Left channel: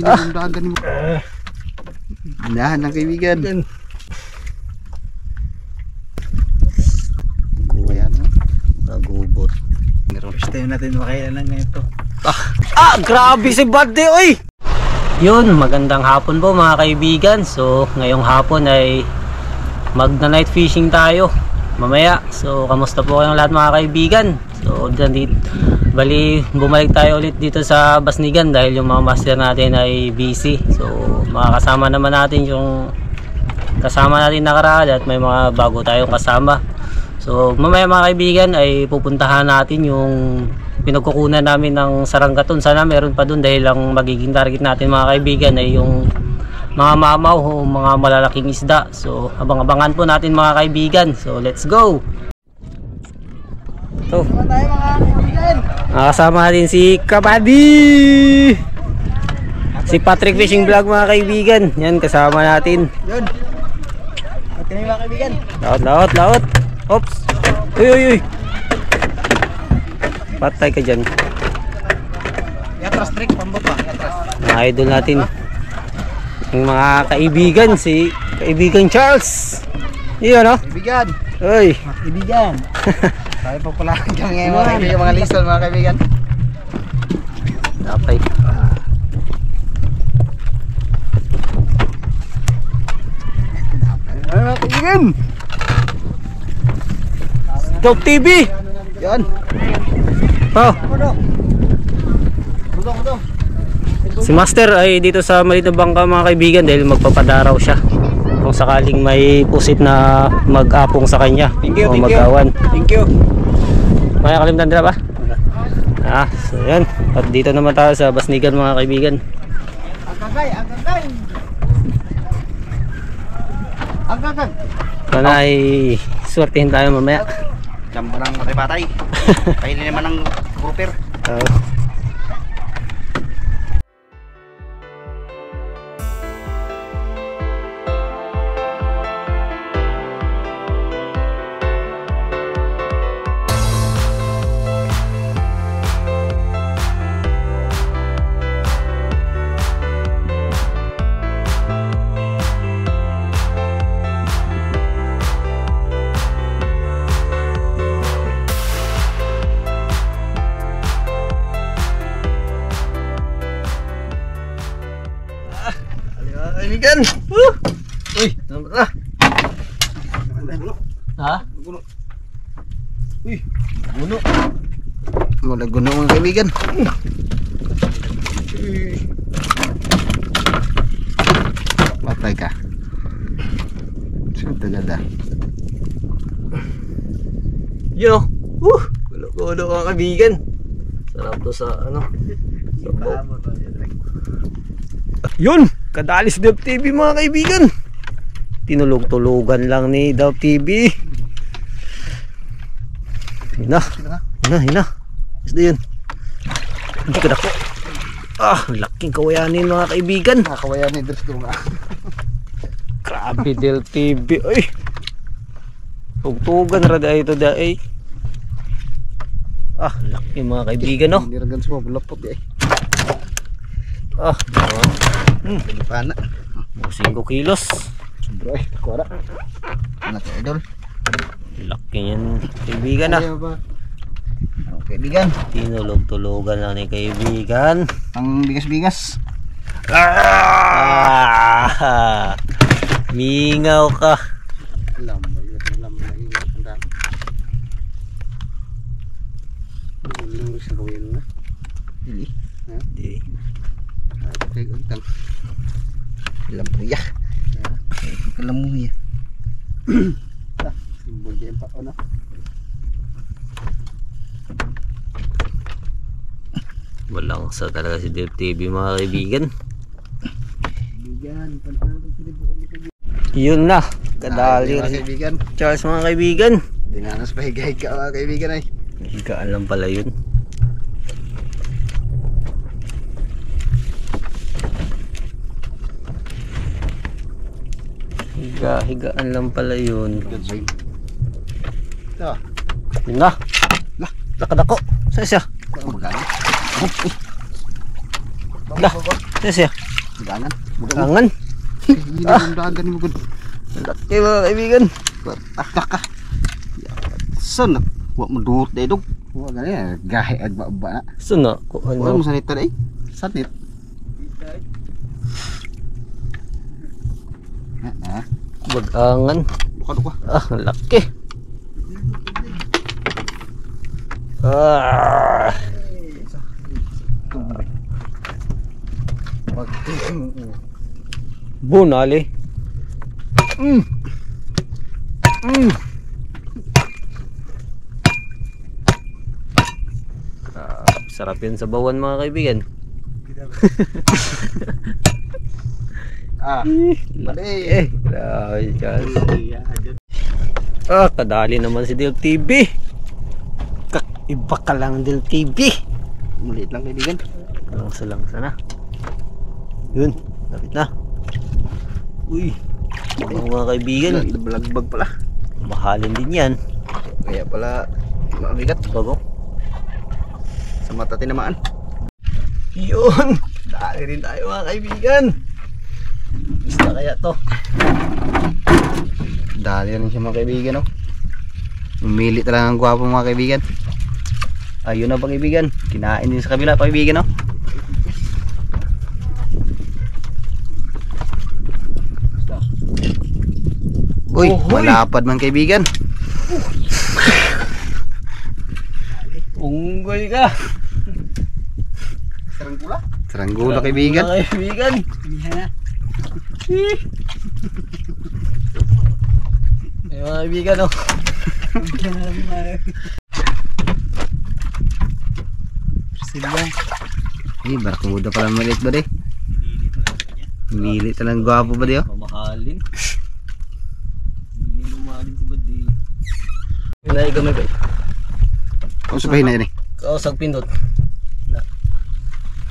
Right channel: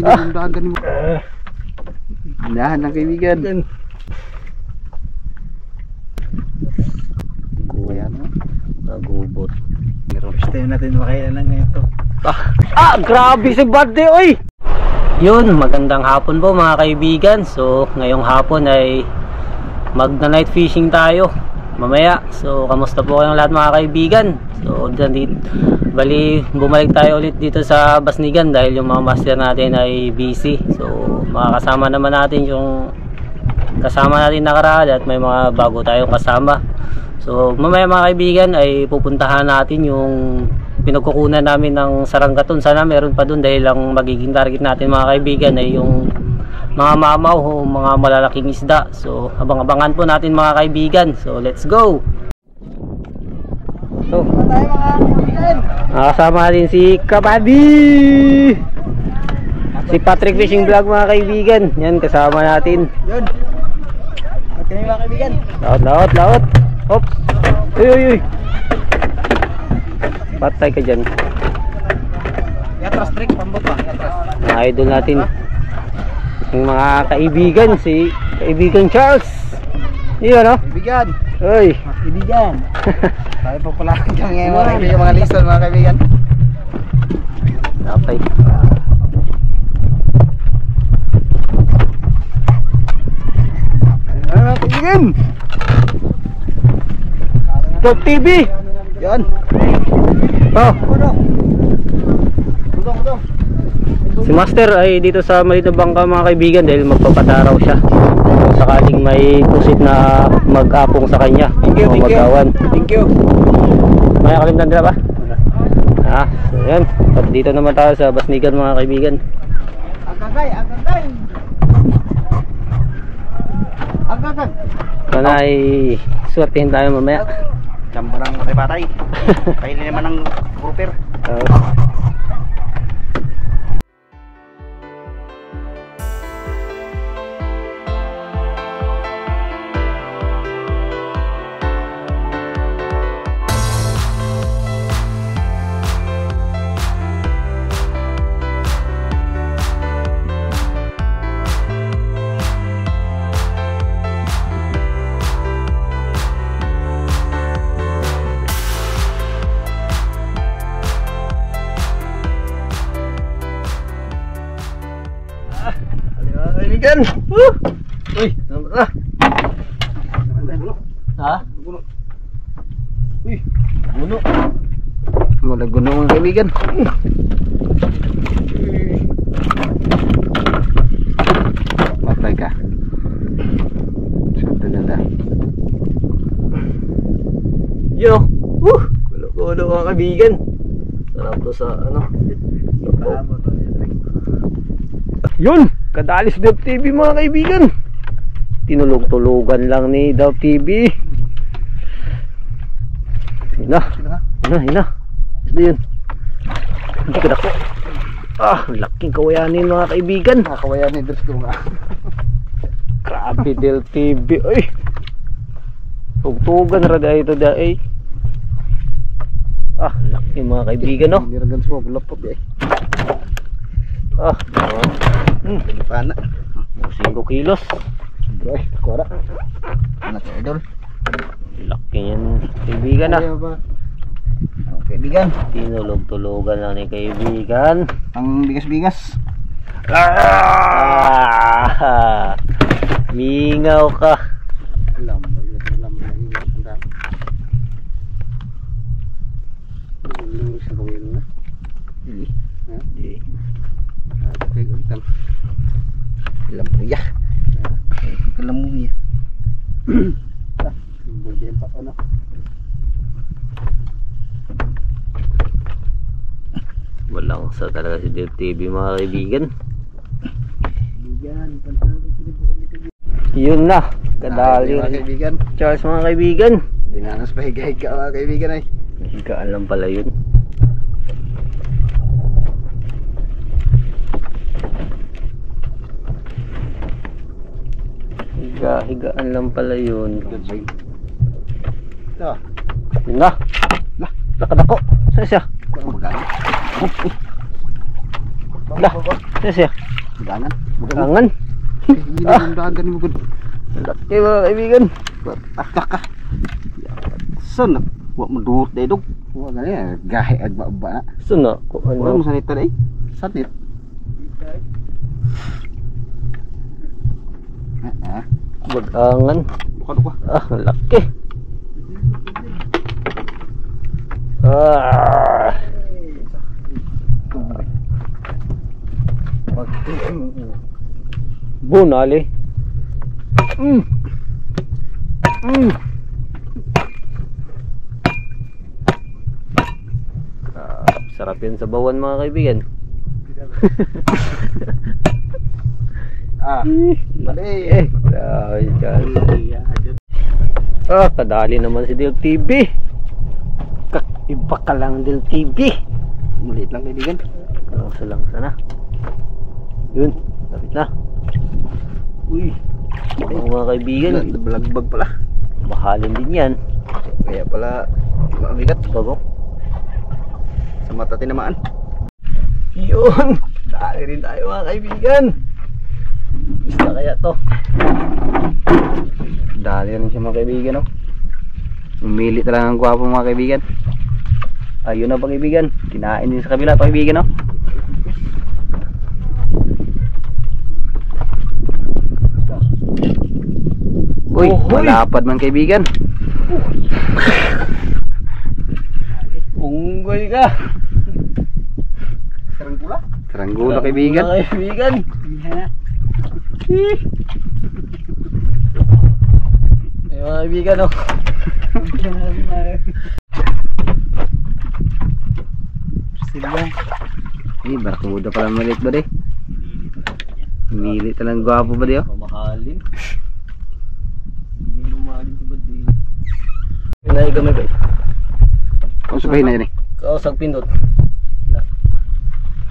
Pinagdagan mo. Dahan ng kaibigan. Ayan. Nagubot. Gusto natin makailan ng ito. Grabe si Buddy, oy! Yun, magandang hapon po mga kaibigan. So, ngayong hapon ay magna-night fishing tayo mamaya. So, kamusta po kayong lahat mga kaibigan? So, bali, bumalik tayo ulit dito sa Basnigan dahil yung mga master natin ay busy. So, makakasama naman natin yung kasama natin nakaraan at may mga bago tayong kasama. So, mamaya mga kaibigan ay pupuntahan natin yung pinagkukunan namin ng saranggaton. Sana meron pa dun dahil ang magiging target natin mga kaibigan ay yung mga mamaw o mga malalaking isda. So abang-abangan po natin mga kaibigan. So let's go. So nakasama natin si Kabady, si Patrick Fishing Vlog mga kaibigan. Yan kasama natin. Yun. At kami mga kaibigan. Laot. Oops. Uy. Patay ka dyan. Yatras trick, pambot pa. Yatras. Mga idol natin. Yung mga kaibigan, si kaibigan Charles. Iyon no? Kaibigan. Uy. Kaibigan. Tayo pa pala hanggang ngayon mga kaibigan, mga listen mga kaibigan. Napay. Ano mga kaibigan? Top TV. Yan. Oh. Si Master ay dito sa maliit na bangka mga kaibigan dahil magpapadaraw siya. Kung sakaling may pusit na mag-apong sa kanya. Thank you. Thank you. May kalimutan nila ba? So yan. At dito naman tayo sa Basnigan mga kaibigan. Agagay. Sana ay swertihin tayo mamaya. Lambo ng matay-batay. Kaili naman ng grouper. Kaibigan. Uy, na. Ha? Uy, guno. Wala guno mga kaibigan. Matay ka. Sunod na. Yun o. Gulo mga kaibigan. Sarap to sa ano. Yun. Kadalis Dav TV mga kaibigan. Tinulog-tulugan lang ni Dav TV. Hina. Isda yun. Hindi ka dako. Laking kawayanin mga kaibigan. Kawayanin dress ko nga. Grabe Dav TV. Ay. Tugtugan rada ito dai. Laki mga kaibigan no. Hindi ragan semua bulapot eh. Pana. 5 kilos. Sobra eh, kuara. Anak idol. Laki yan kaibigan na. Kaibigan. Tinulog-tulugan lang ni kaibigan. Ang bigas-bigas. Mingaw ka. Alam. Lurus na kawin na. Dili. Dili. Okay, utang. Lampuya. Kalamuya. Simbol din pa ano. Walang sa talaga si Dav TV mga kaibigan. Yun na. Kadali mga kaibigan. Charles mga kaibigan. Dinanas pa higa-higa mga kaibigan ay. Higaan lang pala yun. Higaan lang pala yun. Ito. Yun na. Lakad ako. Saan siya? Magkano? Lah. Yes, ya. Dagangan. Kangen. Hindi yung dagan mo gud. Laki mga kaibigan. Taktak ka. Son, wa mo duot day dog. Wa gani gahe agba ba na. Suna ko Wa ano. mo sanit tay. Sanit. Bagangan. Duka. Ah, laki. Ah. Bunali. Sarap yun sa bawan mga kaibigan. Mali. Grabe dyan. Kadali naman si Del TV. Iba ka lang Del TV. Mulit lang kaibigan. Lang sana. Yun, lapit na. Uy, mga kaibigan. Balagbag pala. Mahalin din yan. Kaya pala mabigat. Bago. Sa mata tinamaan. Yun, dali rin tayo mga kaibigan. Basta kaya to. Dali rin siya mga kaibigan, no? Umili talaga ang gwapo mga kaibigan. Ayun na mga kaibigan. Kinain din sa kabila mga kaibigan, no? Uy, malapad man kaibigan. Unggoy ka. Saranggula? Saranggula kaibigan. Mga kaibigan. Ay mga kaibigan, no? Eh, barakuda pala maliit ba de? Mili talang gwapo ba de, oh? Mamahalin. Hindi lumahalin si Badi. Pinay kami ba? Kung sabihin na yun eh. Kausag pindot.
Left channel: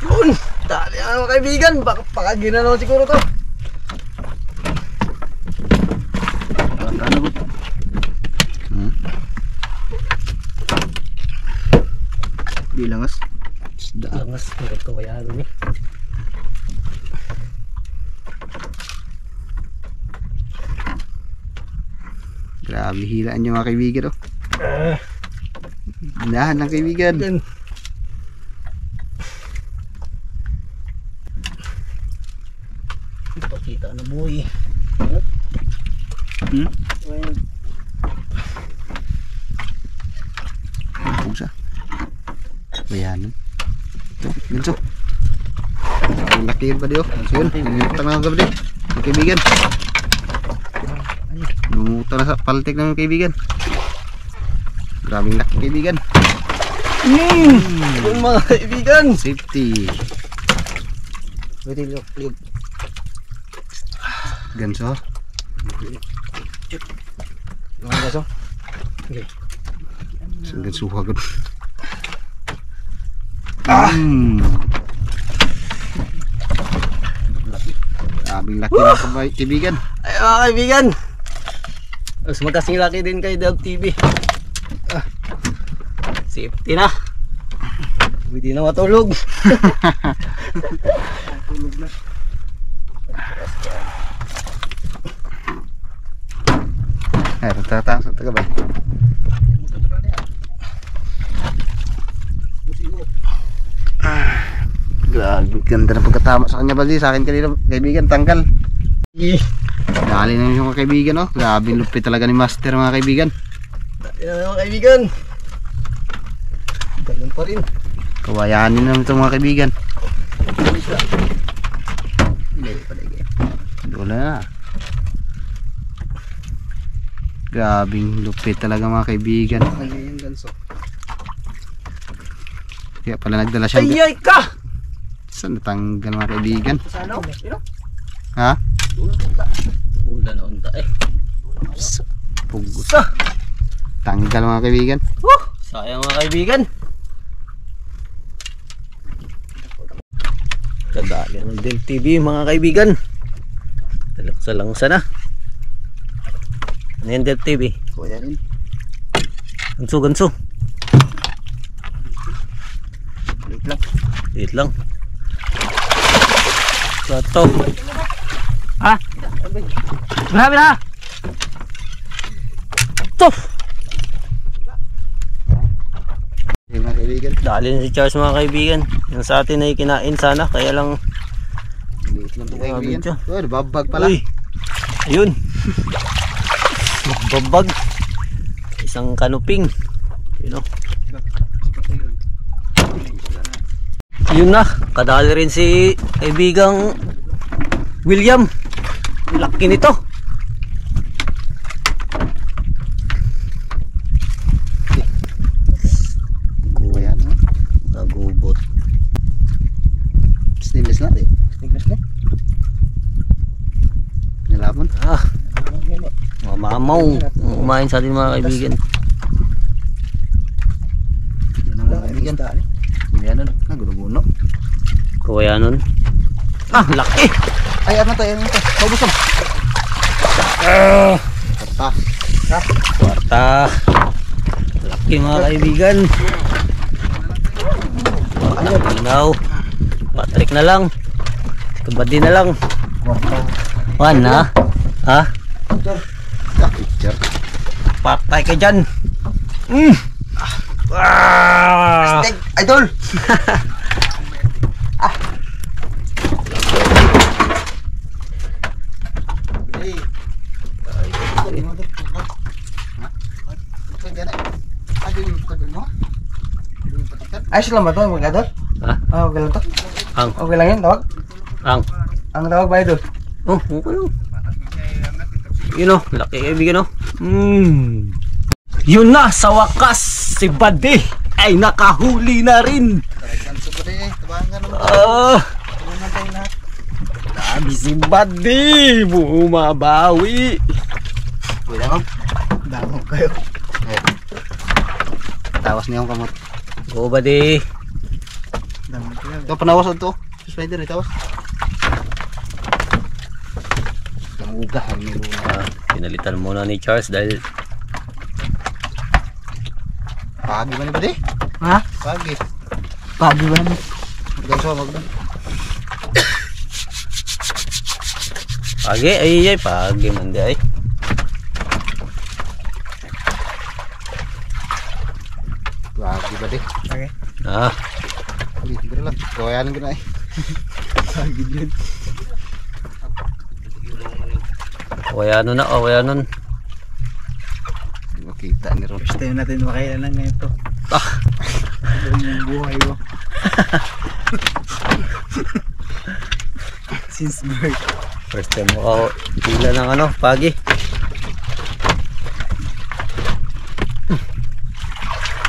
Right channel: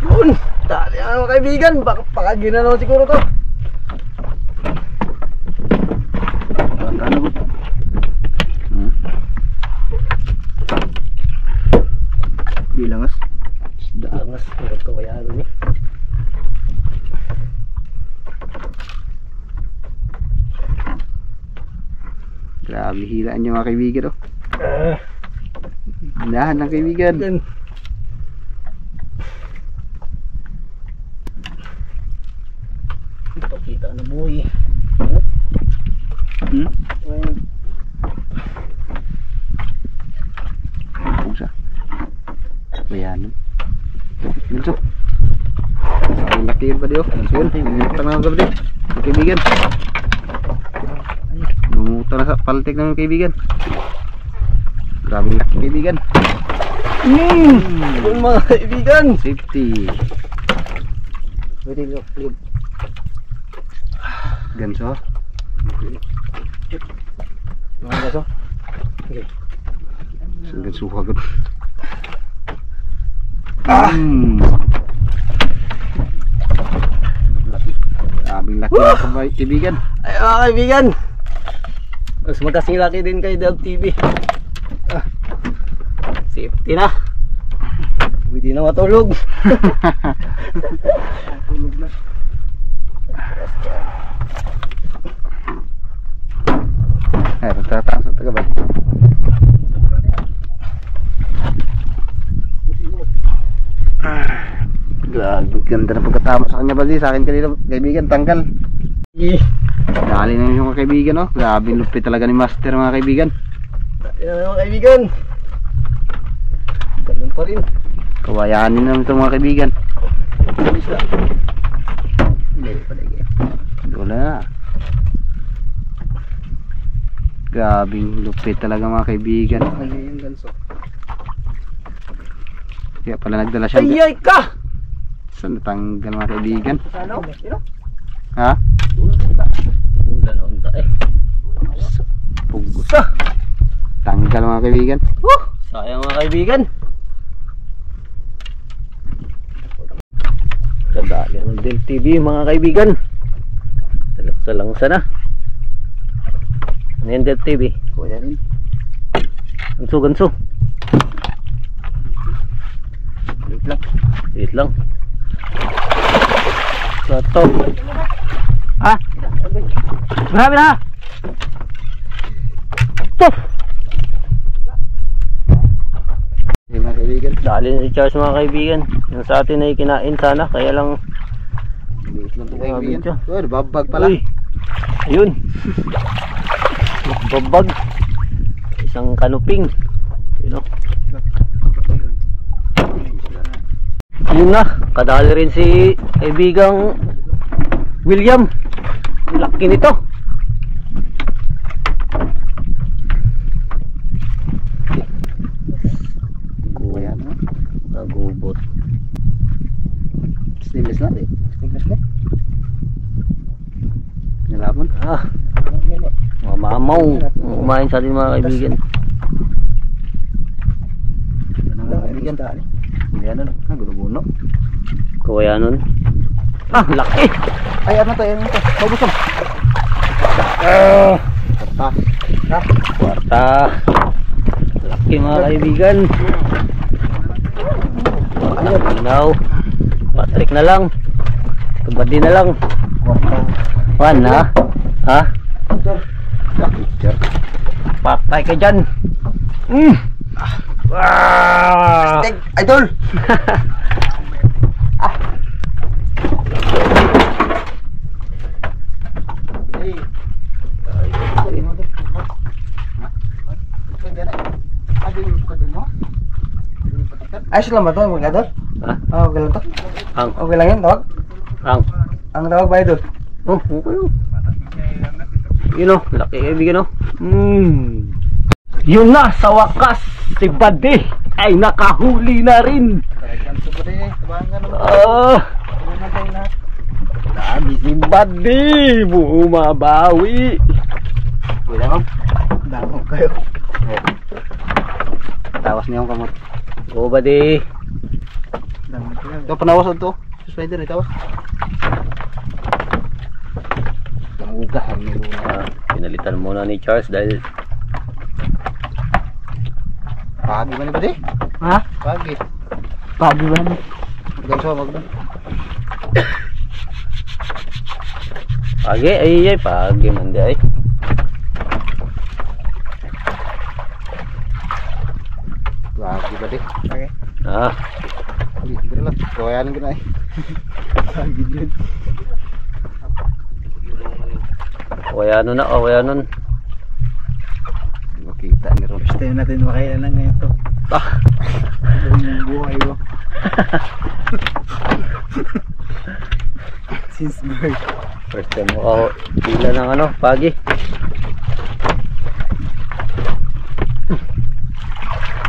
Yun! Dali mga kaibigan. Baka ginanaw siguro to. Ano ba? Bilangas. Langas. Pindot ko kaya ano ni. Grabe hilaan nyo mga kaibigan, oh. Dahan lang kaibigan. Pakita na boy. Pusa. Bayanan. Ganso. Ang laki ba diyo? So yun, nangutang na gabi diyo. Mga kaibigan. Nangutang na sa paltik ng kaibigan. Grabing laki kaibigan. Yung mga kaibigan. Safety. Pwede look. Ganso. Mga gaso. Okay. Ganso hagod. Grabing laki ng kaibigan. Ay mga kaibigan. Mas magkasing laki din kay Del TV. Safety na. Pwede na matulog. Ay, tatang sa tagabay. Grabe, ganda na pagkatama sa kanya Baldi. Sa akin kanina, kaibigan, tanggal. Dali na yung mga kaibigan, oh. Grabe, lupit talaga ni Master mga kaibigan. Yan mga kaibigan. Ganun pa rin. Kawayanin naman ito mga kaibigan. Wala na. Grabing lupit talaga mga kaibigan. Kaya pala nagdala siya. Ayay ka! Saan natanggal mga kaibigan? Sana ako. Ha? Ulan na unta eh. Pugos. Tanggal mga kaibigan. Sayang mga kaibigan. Kadali ng Del TV mga kaibigan. Talaksa na. Ano yan Del TV? Kuyanin. Ganso. Wait lang. Wait lang. to. Ha? Grabe na! To! Yung mga kaibigan. Dali na si Charles mga kaibigan. Yung sa atin ay kinain sana. Kaya lang... Liit lang ito kaibigan. Grabe, Oh, nababag pala. Uy! Ayun! Babag! Isang kanuping. Yun o. Yun na. Kadali rin si kaibigang William. Laki nito. Ayan, no? Nagubot. Stainless na, eh. Stainless na. Pinalapon. Ah. Mamaw. Kumain sa atin mga kaibigan. Yan ang mga kaibigan. Ayan, no? Gulo-gulo. Kawayanon. Ah, laki! Ay, ano to? Ano to? Maubusog. Kwarta. Kwarta. Laki mga kaibigan. Now, Patrick na lang. Kabadi na lang. Kwarta. Juan ha? Ha? Picture. Patay ka dyan. Ah! Steak, idol! Ayos lang ba ito mga idol? Ha? Ah, okay lang to? Ang. Okay lang yun, tawag? Ang tawag ba idol? Oh, okay lang. Yun o, laki kaibigan o. Yun na, sa wakas, si Buddy ay nakahuli na rin. Dami si Buddy, bumabawi. Kuya ko, dangog kayo. Tawas niya yung kamot. Go Buddy. Dangog kayo. Ito, panawas ito. Spider, tawas. Ugahan ni Luna. Pinalitan muna ni Charles dahil pagi ba ni Buddy? ha? Pagi. Pagi ba naman? Magdanso, magdan. Pagi, ay pagi man di ay. Pagi Buddy. Okay. Ah, Hindi, hindi lang. Kawayanin ko na eh. Pagi yun. kawayanon na, kawayanon. Makita ni Ron. First time natin makailan ng ganito. Buong buhay ko. Since birth. First time mo ako pila ng ano, pagi.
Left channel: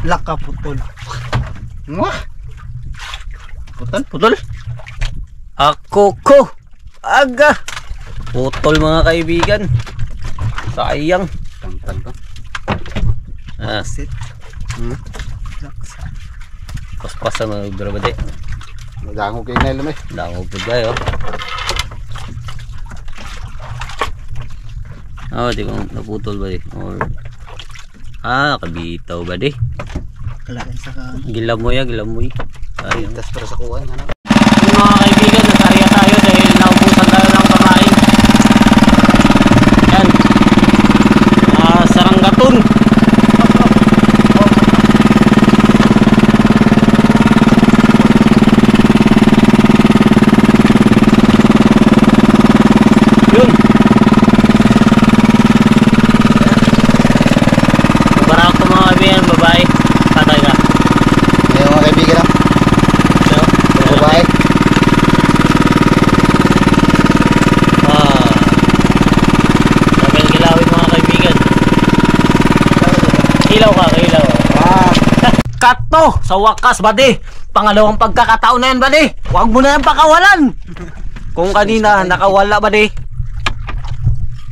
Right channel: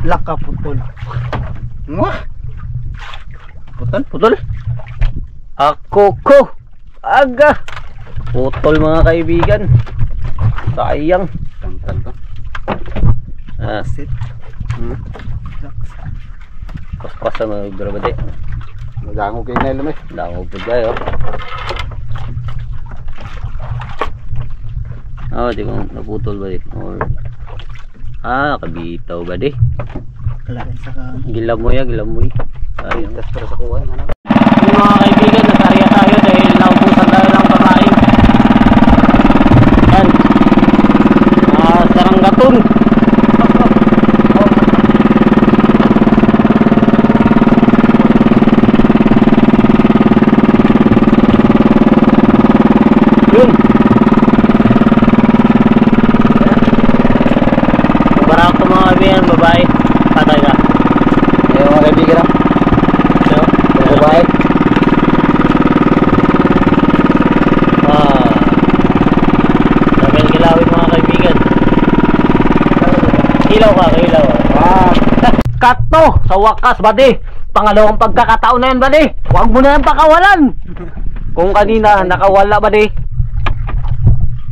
Laka putol. Mwah! Putol, putol. Ako ko. Aga. Putol mga kaibigan. Sayang. Tangtang to. Ah, Sit. Relax. paspasan na grabade. Madangog kayo na ilam eh. Dangog po kayo. Oh, di ko naputol ba eh. Or nakabitaw ba di? Kalain sa ka. Gilamoy, gilamoy. Sayang. Tas para sa kuwan. Ano? Yung mga kaibigan, nagkarya tayo dahil naubusan tayo ng kamain. Yan. Saranggaton. Yun. Mabarak ko mga kaibigan, babae. Patay ka. Ayun mga kaibigan lang. So, Bye-bye. Sabihin kilawin mga kaibigan. Kilaw ka, kilaw. Kato! Sa wakas, buddy! Pangalawang pagkakataon na yan, buddy! Huwag mo na yan pakawalan! Kung kanina, nakawala, buddy.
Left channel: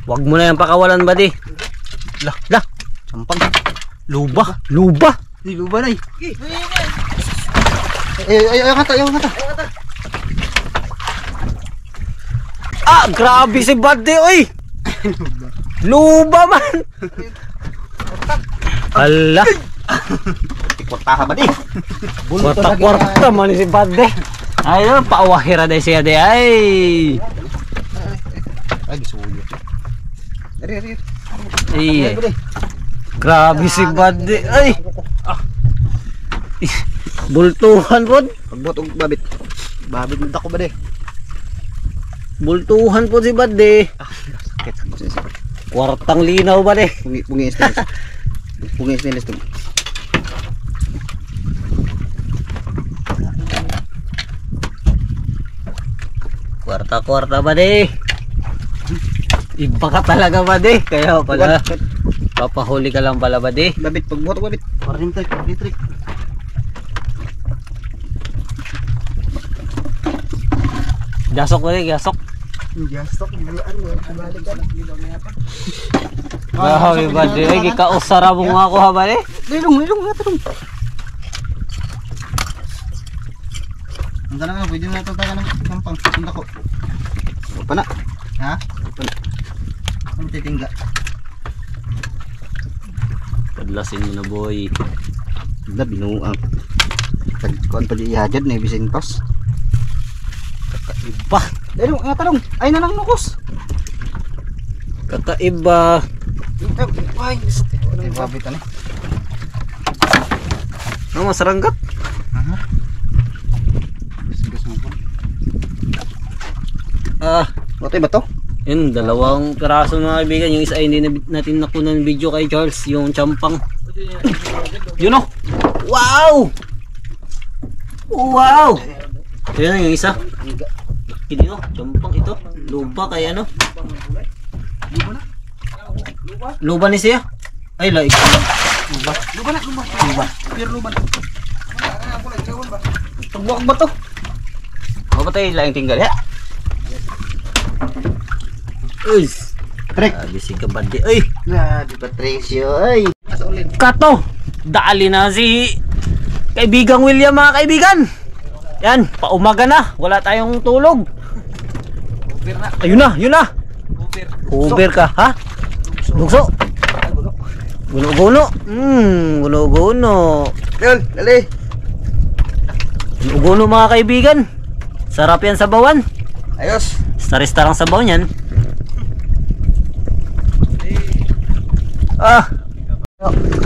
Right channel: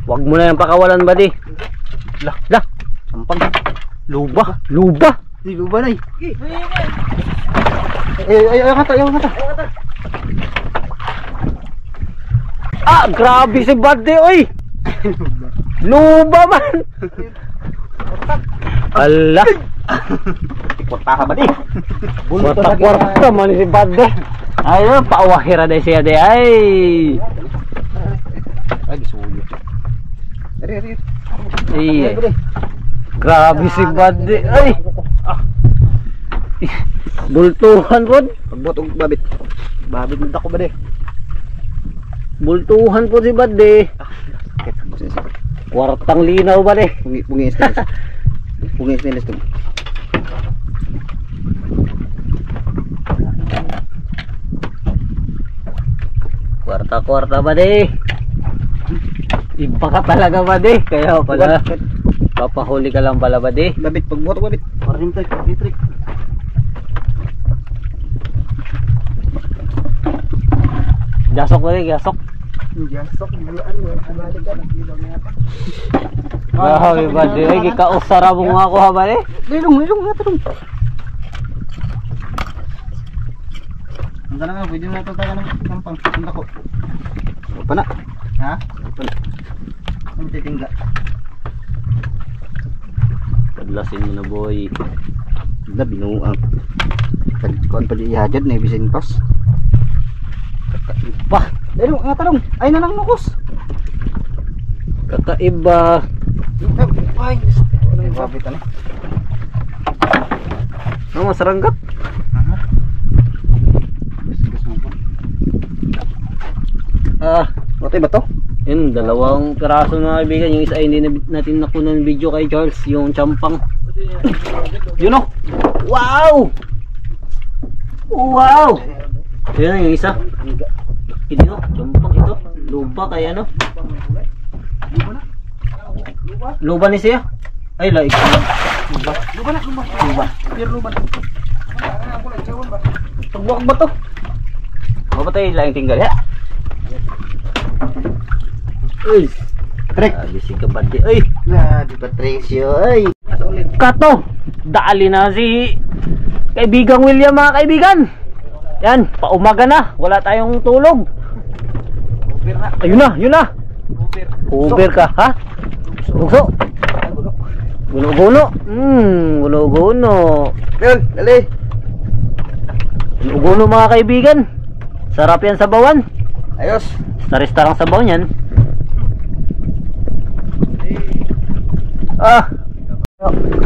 Huwag mo na yan pakawalan, buddy. Lah! Sampang. Luba! Luba! Di ba na eh? Ayaw kata, ayaw kata. Ah! Grabe si buddy, oy! Luba man! Ala! Ikwartaha ba di? Kwarta-kwarta man si buddy. Ayun, paawahira day siya day. Ay! Ay, gisulit. Ari. Ay, grabe si Buddy. Ay! Bultuhan po. Pagbot og babit. Babit na ako ba de? Bultuhan po si Buddy. Sakit. Kwartang linaw ba de? Pungi stainless. Pungi stainless to. Kwarta ba de? Iba ka talaga ba de? Kaya pala papahuli ka lang pala ba de? Babit pagbot og babit. Paring trick. Gasok ba de? Gasok. Gastok bulan mo balik ka na. Grabe ba de? Ay, gikausara mo nga ako ha ba de? Lilong nga to. Ang tanong pwede mo na ito tayo ng kampang. Punta ko. Pa na. Ha? Pa na. Ang titingga. Padlasin mo na boy. Wala binuang. Tagkuan pa di ihajad na ibisin pas. Kakaiba. Dalo nga tanong. Ay nanang nukos. Kakaiba. Ay, ano babit ani? Ano masaranggat? Aha. Gas mo pa. Watay ba to? Yun, dalawang piraso mga kaibigan. Yung isa ay hindi natin nakunan ng video kay Charles. Yung champang. Yun o! Wow! Wow! Yun yung isa. Hindi o, champang ito. Lupa kaya ano? Luba ni siya? Ay, laik. Luba. Pure luba. Tagbuak ba to? O ba tayo laing tinggal ya? Uy! Trick. Bisig ka ba di? Uy! Na, di Patricio. Ay. Kato! Dali na si kaibigang William mga kaibigan. Yan, paumaga na. Wala tayong tulog. Ayun na. Uber ka, ha? Bugso. Guno-guno. Guno-guno. Yun, dali. Guno-guno mga kaibigan. Sarap yan sa bawan. Ayos. Star-star ang sabaw niyan.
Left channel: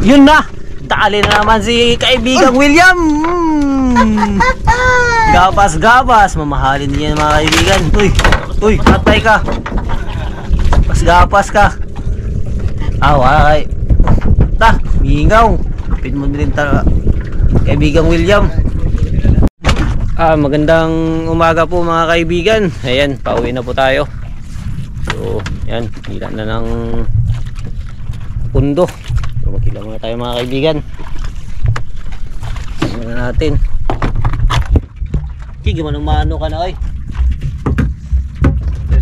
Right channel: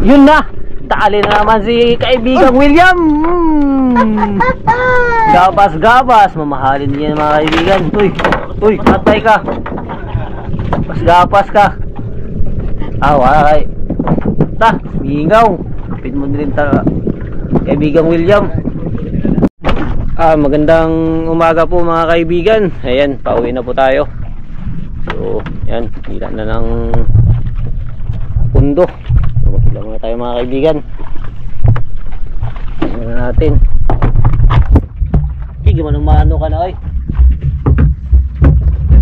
Yun na. Dali na naman si kaibigang William. Gapas. Mamahalin niya mga kaibigan. Uy, patay ka. Gapas ka. Away. Mingaw. Kapit mo din kaibigang William. Magandang umaga po mga kaibigan. Ayan, pauwi na po tayo. So, yan, hila na ng pundo. So, magkila muna tayo mga kaibigan. Tingnan na natin. Sige, manong-mano ka na oy.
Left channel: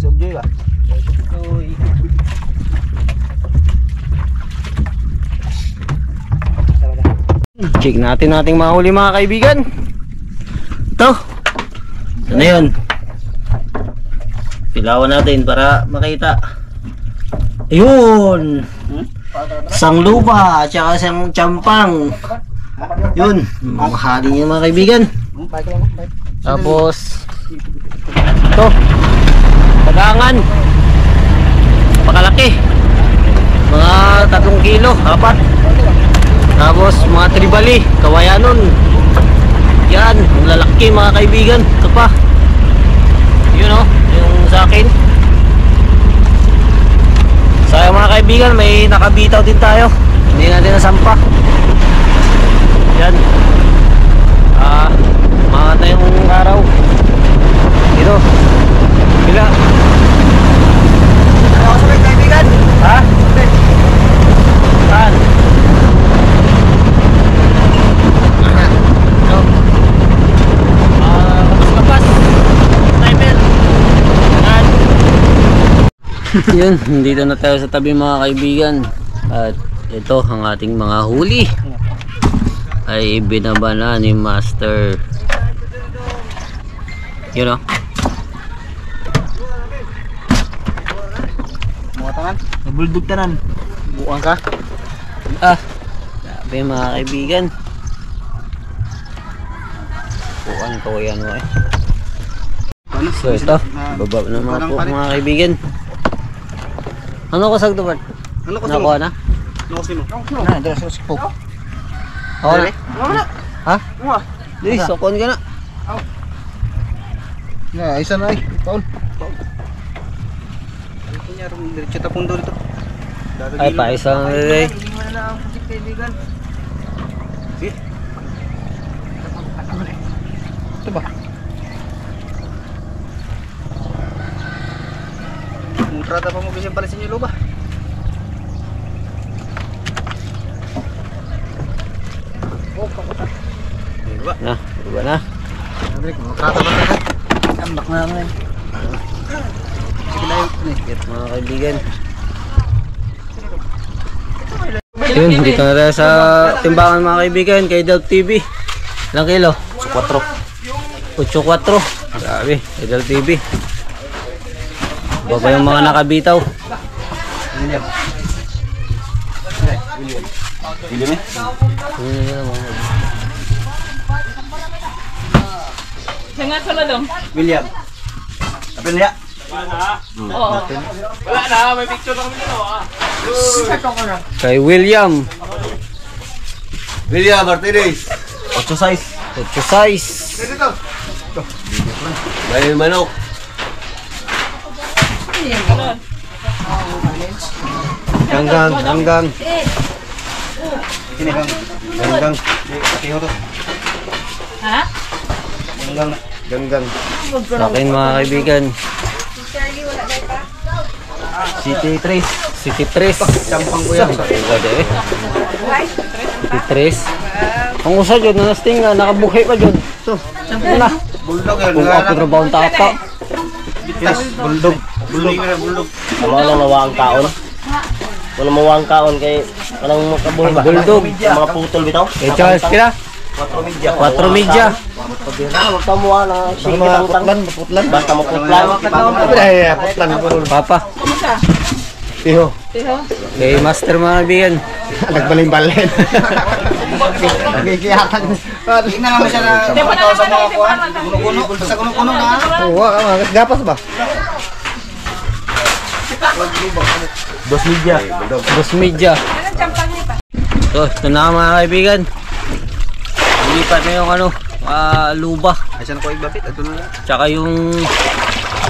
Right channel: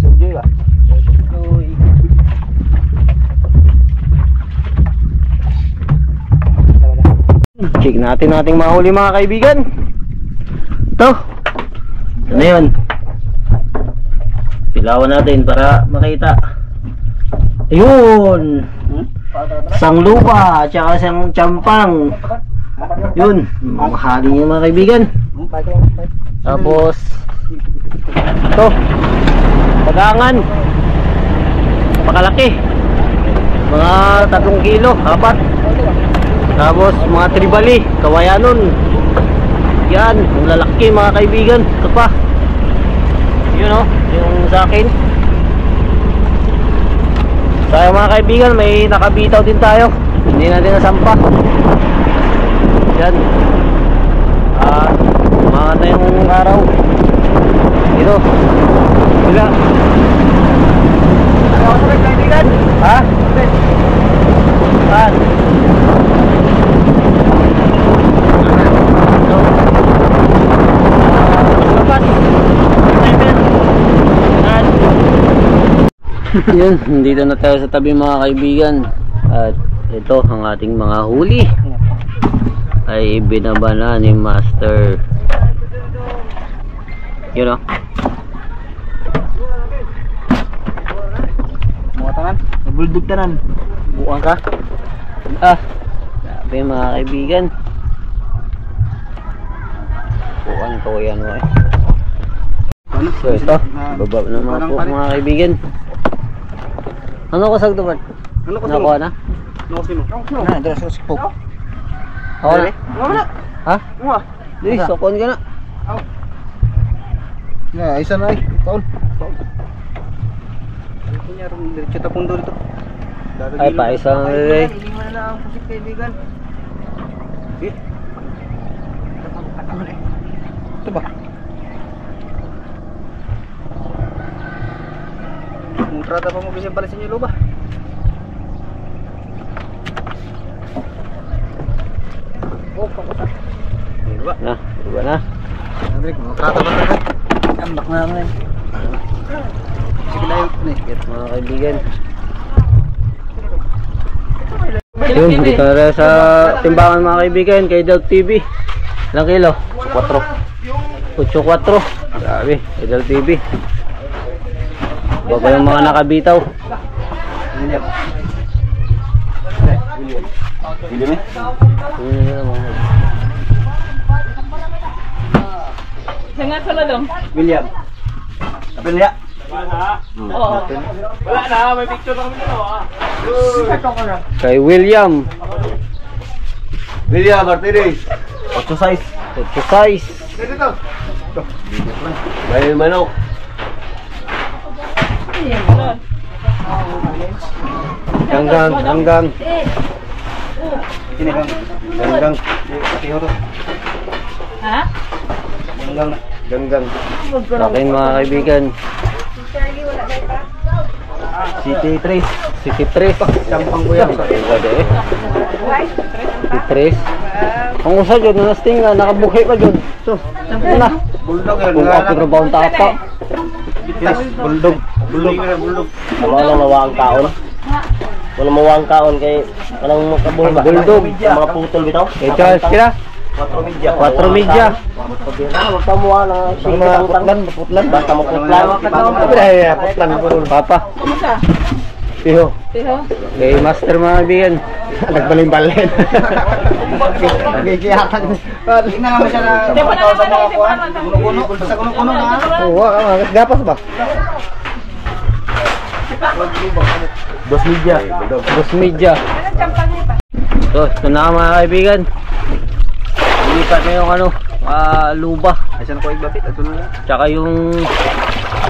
Subjoy ba? Uy. Check natin ating mahuli mga kaibigan. Ito. Ano yun? Pilawan natin para makita. Ayun. Isang lupa at saka isang champang. Yun. Mamahali niya mga kaibigan. Tapos ito. Tagangan. Pakalaki. Mga 3 kilo, 4. Tapos mga tribali, kawayanon. Yan, yung lalaki mga kaibigan. Ito pa. Yun o, yung sa akin. Sayang mga kaibigan, may nakabitaw din tayo. Hindi natin nasampa. Yan. Umangat na yung araw. Dito. Bila. Ano ako sa kaibigan? Ha? Saan? Yun, dito na tayo sa tabi mga kaibigan. At ito ang ating mga huli ay binaba na ni Master. Yun o. Mga tanan, nabuldog tanan. Buang ka. Sabi mga kaibigan. Buang ko yan o eh. So ito, baba na mga po mga kaibigan. Ano ko sagdo ba? Ano ko Nakuha na? Ano ko sino? Na, dala sa sipog. Oo na. Wala. Ha? Di, sokon ka na. Na, isa na ay. Paul. Kunya ron diretso ta pundo dito. Ay pa isang relay. Hindi mo na ang pusit kaibigan. Sige. Ito ba? Mutrata pa mo bisin pala sa inyo luba. Oh, pakuta. Diba? Na, diba na? Andrik, mutrata pa na. Ambak na lang. Sige na yun. Yes, mga kaibigan. Yun, dito na tayo sa timbangan mga kaibigan kay Dog TV. Ilang kilo? 8.4. Grabe, kay Dog TV. Baba yung mga nakabitaw. William. William eh? Jangan salah dong. William. Apa niya? Oh. Wala na, may picture na kami dito ah. Kay William. William Martinez. 8 size. 8 size. Bayan manok. Ganggang. Sini bang. Ganggang. Tiyo to. Ha? Ganggang. Sa akin mga kaibigan. City 3. City 3. Sampang ko yan. City 3. Ang usa dyan, nasting nga, nakabuhay pa dyan. So, ano na? Bulldog yan. Kung ako trabaho ang tapa. Bulldog. Bulldog. Tama lang mawang kaon. Wala mawang kaon kay walang makabuhi ba? Bulldog. Mga putol bitaw. Eh, Charles, kira? 4 media. 4 media. Huwag ka muha na sige Putlan. Basta mo putlan. Putlan. Papa. Kumusta? Tiyo. Tiho? Kay Master mga kaibigan. Nagbaling-balen. Nagkikiyatan. Tingnan naman siya na Di ba na sa naman mga ay kuwan. Kuno-kuno. Sa kuno-kuno na. Oo, gapas ba? 2 media. 2 media. Anong champang niya pa? So, ito na mga kaibigan. Lipat na yung ano, luba. Asan ko igbapit? Ito na. Tsaka yung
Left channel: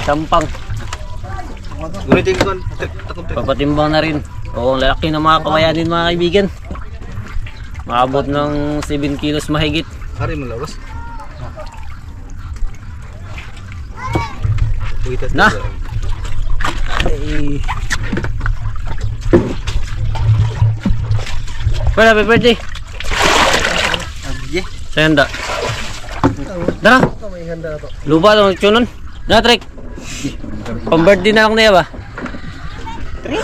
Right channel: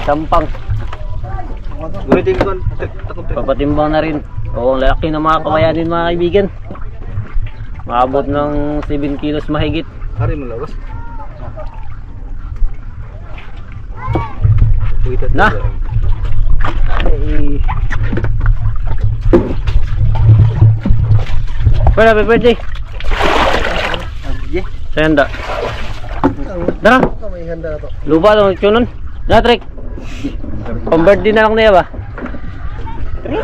sampang. Gunitin ko. Takot. Papatimbang na rin. Oo, lalaki na mga kawayanin mga kaibigan. Maabot ng 7 kilos mahigit. Hari mo lawas. Na. Ay. Happy birthday. Senda. Dara. Lupa dong cunon. Na trek. Pang-birthday na lang niya ba? Tri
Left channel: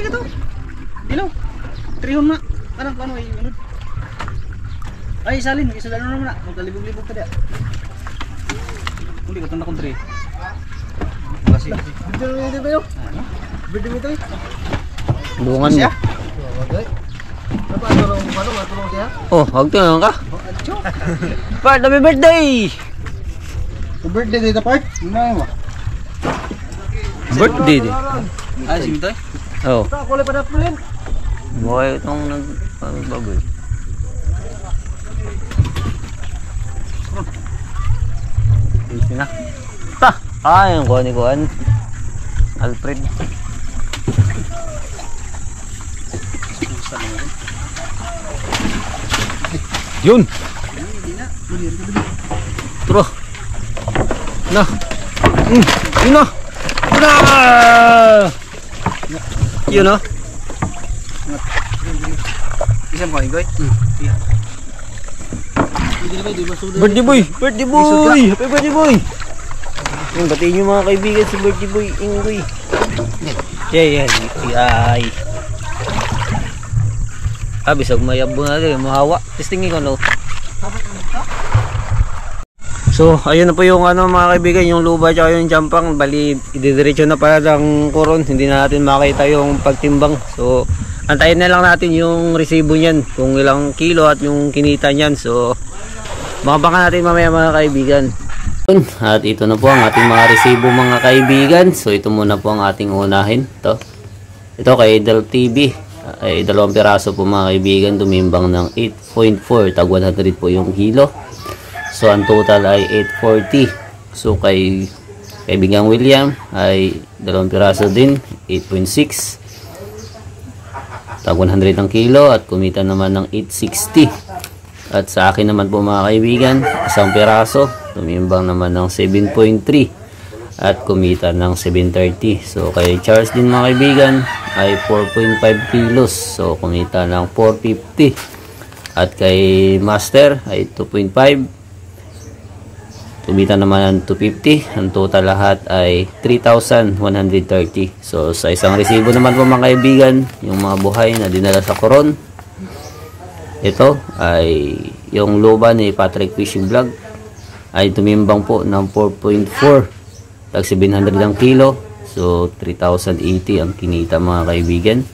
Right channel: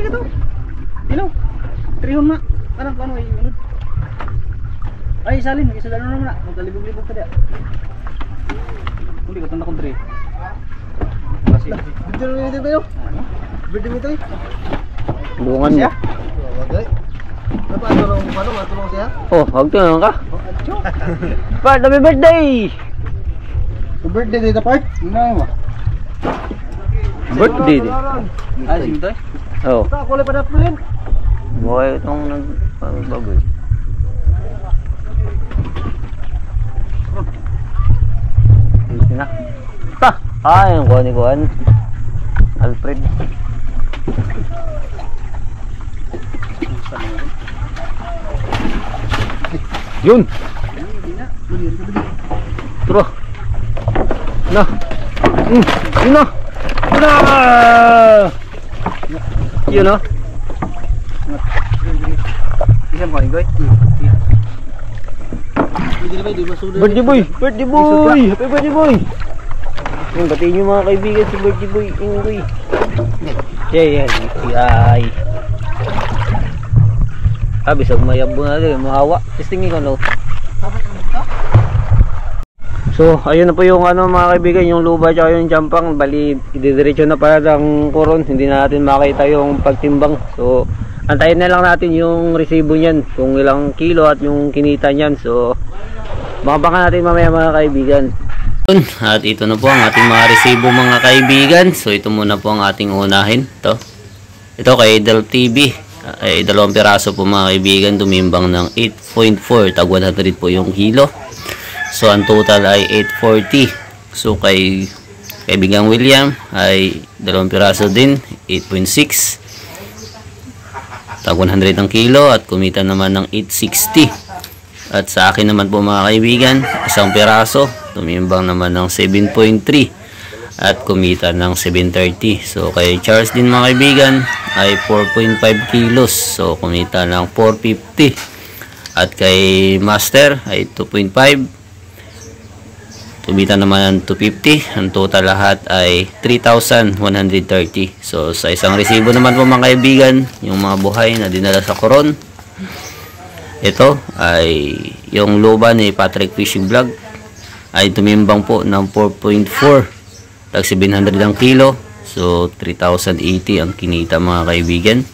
ka to. Hello. Trihon na. Ano ay unod. Ay salin, isa dalo naman na. Magkalibog-libog ka dia. Hindi ka tanda kong tri. Kasi birthday ba yo? Birthday mo tayo. Bungan mo. Matulong siya? Oh, wag to lang ka. Part, happy birthday! Birthday dito part? Ano mo? Birthday din. Ay, sige to. Oh. Kulay pa na pulin. Buhay itong nagbaboy. Easy na. Ta! Yung kuha ni Kuhan. Alfred. Yun! Turo! Na! Yun na! Na! Yun na! Isang ko, Ingoy. Birthday boy! Birthday boy! Happy birthday boy! Yung batiin nyo mga kaibigan si birthday boy Ingoy. Yan. Ay. Bisag mayabo natin. Mahawa. Testingin ko no. So ayun na po yung ano mga kaibigan, yung luba at yung jampang. Bali ididiretso na pala ng koron. Hindi na natin makita yung pagtimbang. So antayin na lang natin yung resibo niyan, kung ilang kilo at yung kinita niyan. So mabangan natin mamaya mga kaibigan. At ito na po ang ating mga resibo mga kaibigan. So ito muna po ang ating unahin. Ito kay Del TV. Ay 2 piraso po mga kaibigan. Tumimbang ng 8.4. Tag 100 po yung kilo. So ang total ay 840. So kay kaibigang William ay 2 piraso din. 8.6. Tag 100 ang kilo at kumita naman ng 860. At sa akin naman po mga kaibigan, 1 piraso, tumimbang naman ng 7.3 at kumita ng 730. So kay Charles din mga kaibigan ay 4.5 kilos, so kumita ng 450. At kay Master ay 2.5, kumita naman ng 250. Ang total lahat ay 3,130. So sa isang resibo naman po mga kaibigan, yung mga buhay na dinala sa Coron, ito ay yung loba ni Patrick Fishing Vlog ay tumimbang po ng 4.4 tag 700 ang kilo. So 3,080 ang kinita mga kaibigan.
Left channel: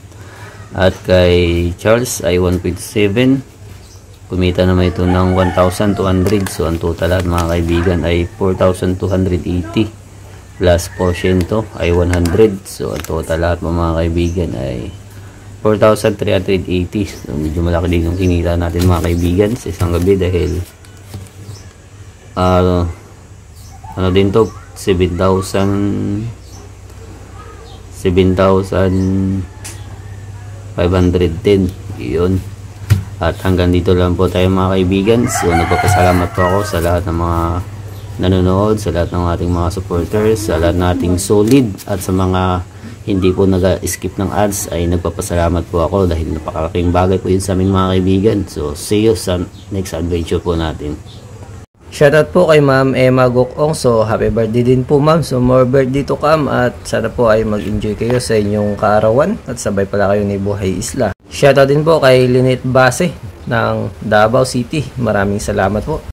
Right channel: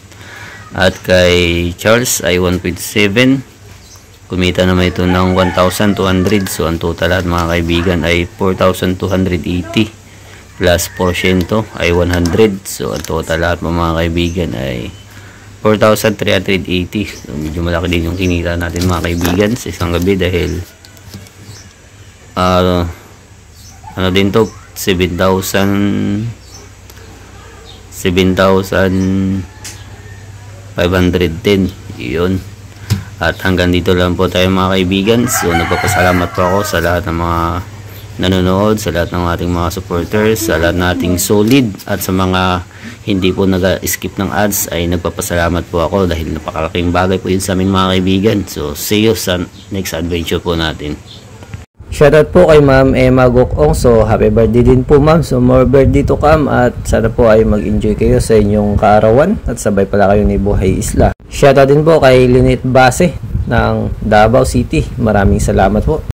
At kay Charles ay 1.7, kumita naman ito ng 1,200. So ang total lahat mga kaibigan ay 4,280 plus porsyento ay 100. So ang total lahat mga kaibigan ay 4,380. So medyo malaki din yung kinita natin mga kaibigan sa isang gabi dahil ano din to, 7,500 din yun. At hanggang dito lang po tayo mga kaibigan. So nagpapasalamat po ako sa lahat ng mga nanonood, sa lahat ng ating mga supporters, sa lahat ng ating solid, at sa mga hindi po nag-skip ng ads ay nagpapasalamat po ako dahil napakalaking bagay po yun sa aming mga kaibigan. So see you sa next adventure po natin. Shoutout po kay Ma'am Emma Gokong. So happy birthday din po ma'am. So more birthday to come at sana po ay mag-enjoy kayo sa inyong kaarawan at sabay pala kayo ni Buhay Isla. Shoutout din po kay Lynette Base ng Davao City. Maraming salamat po.